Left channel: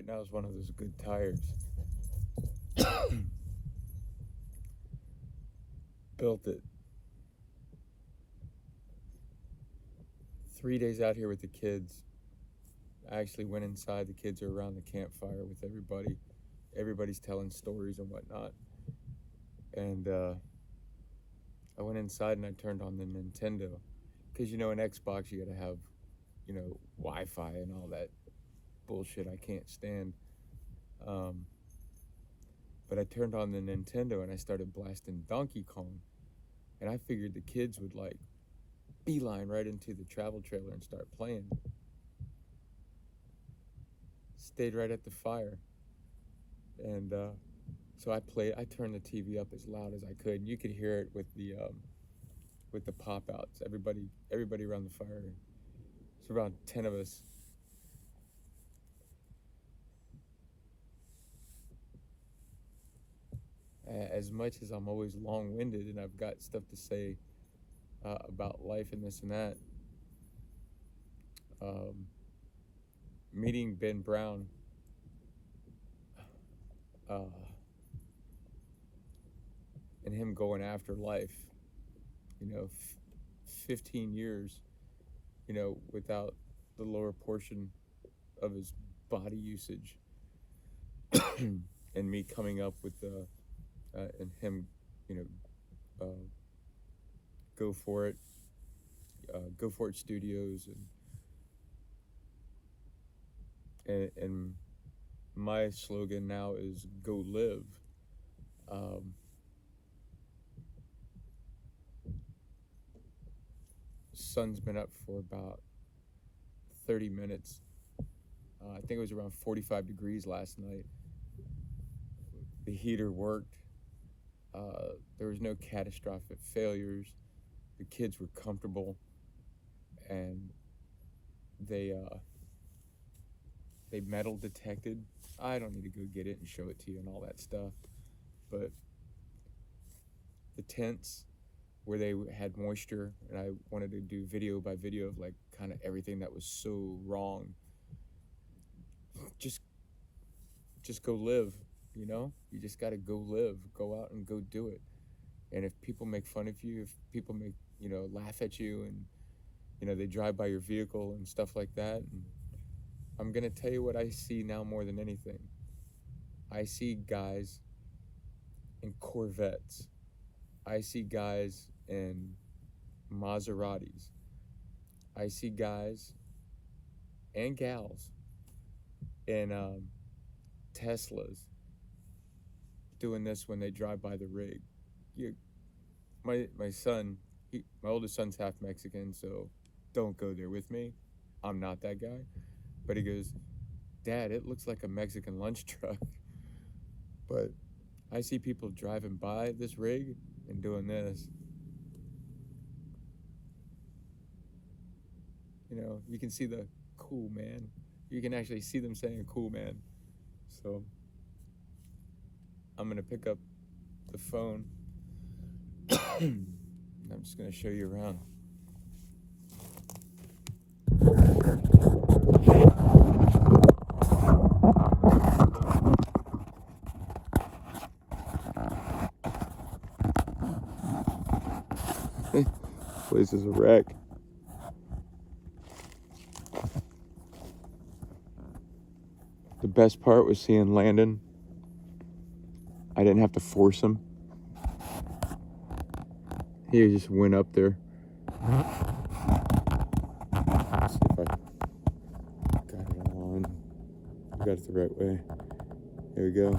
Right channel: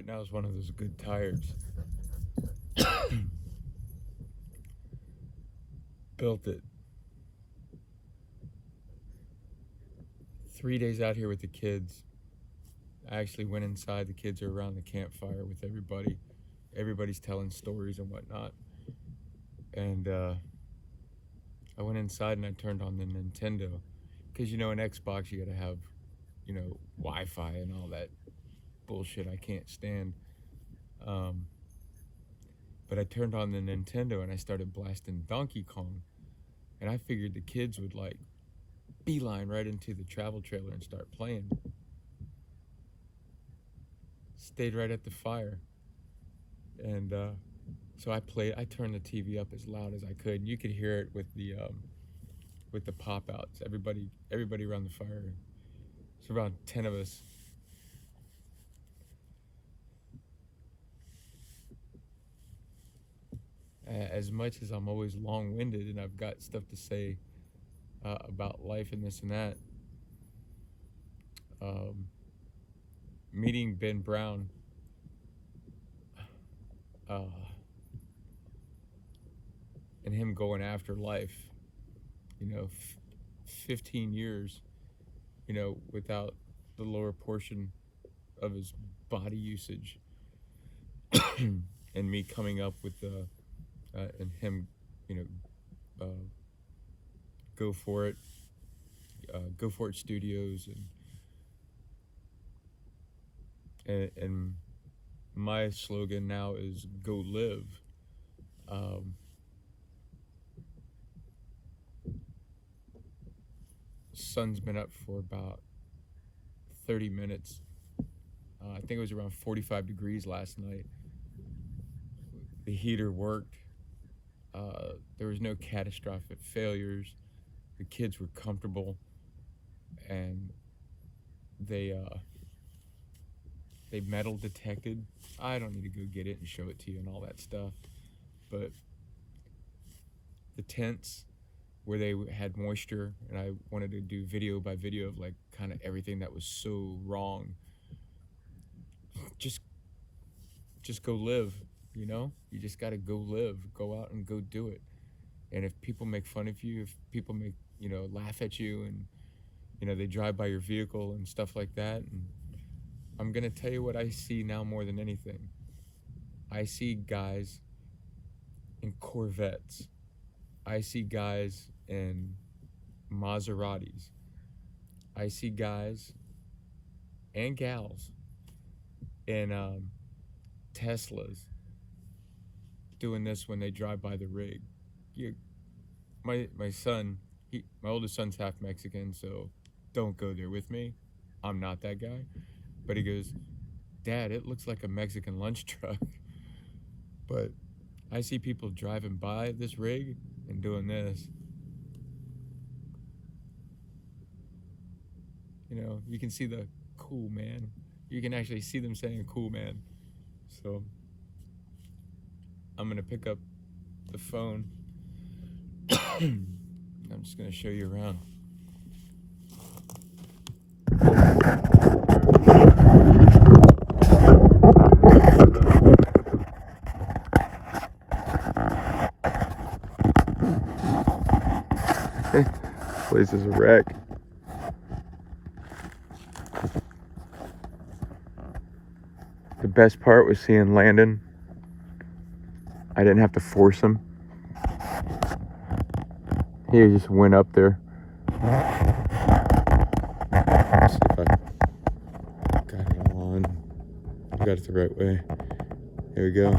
right now is one of those good tires. Built it. 3 days out here with the kids. I actually went inside. The kids are around the campfire with everybody. Everybody's telling stories and whatnot. And I went inside and I turned on the Nintendo. Because, in Xbox, you got to have, Wi-Fi and all that bullshit I can't stand. But I turned on the Nintendo and I started blasting Donkey Kong. And I figured the kids would, beeline right into the travel trailer and start playing. Stayed right at the fire. And so I turned the TV up as loud as I could. You could hear it with the pop-outs. Everybody around the fire. It's around 10 of us. As much as I'm always long-winded and I've got stuff to say about life and this and that, meeting Ben Brown, and him going after life, 15 years, without the lower portion of his body usage, and me coming up with and him, Go For It, Go For It Studios, and my slogan now is Go Live. Sun's been up for about 30 minutes. I think it was around 45 degrees last night. The heater worked. There was no catastrophic failures. The kids were comfortable, and they metal detected. I don't need to go get it and show it to you and all that stuff, but the tents where they had moisture, and I wanted to do video by video of kind of everything that was so wrong. Just go live, You just got to go live, go out and go do it. And if people make fun of you, if people make, laugh at you, and, they drive by your vehicle and stuff like that, and I'm going to tell you what I see now more than anything. I see guys in Corvettes. I see guys in Maseratis. I see guys and gals in Teslas doing this when they drive by the rig. My son, my oldest son's half Mexican, so don't go there with me. I'm not that guy. But he goes, Dad, it looks like a Mexican lunch truck. But I see people driving by this rig and doing this. You can see the cool man. You can actually see them saying cool man. So I'm going to pick up the phone. I'm just going to show you around. Place is a wreck. The best part was seeing Landon. I didn't have to force him. He just went up there. Let's see if I got it all on. I got it the right way. Here we go.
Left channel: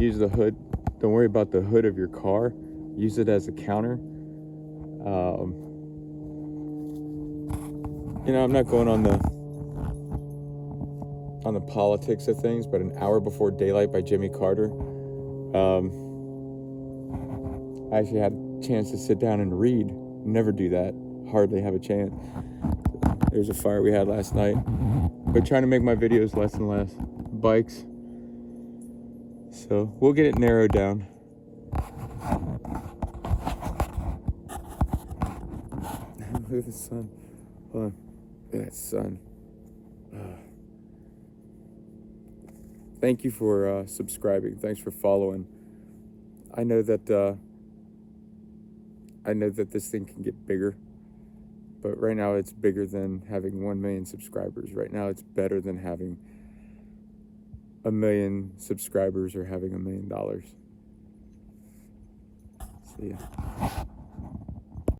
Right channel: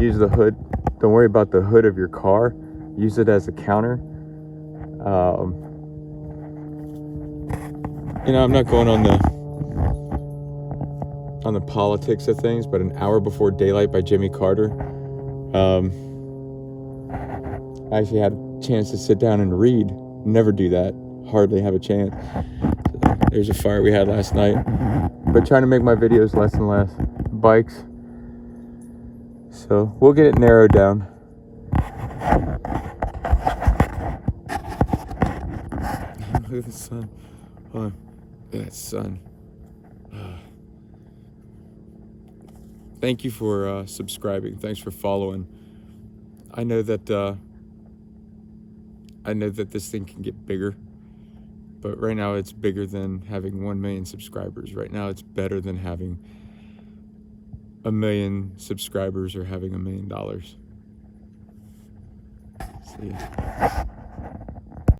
Use the hood. Don't worry about the hood of your car. Use it as a counter. I'm not going on the politics of things, but An Hour Before Daylight by Jimmy Carter. I actually had a chance to sit down and read. Never do that. Hardly have a chance. So there's a fire we had last night. But trying to make my videos less and less. Bikes. So we'll get it narrowed down. Look at the sun. Hold on. Look at that sun. Thank you for subscribing. Thanks for following. I know that this thing can get bigger, but right now it's bigger than having 1 million subscribers. Right now it's better than having 1 million subscribers or having $1 million. See ya.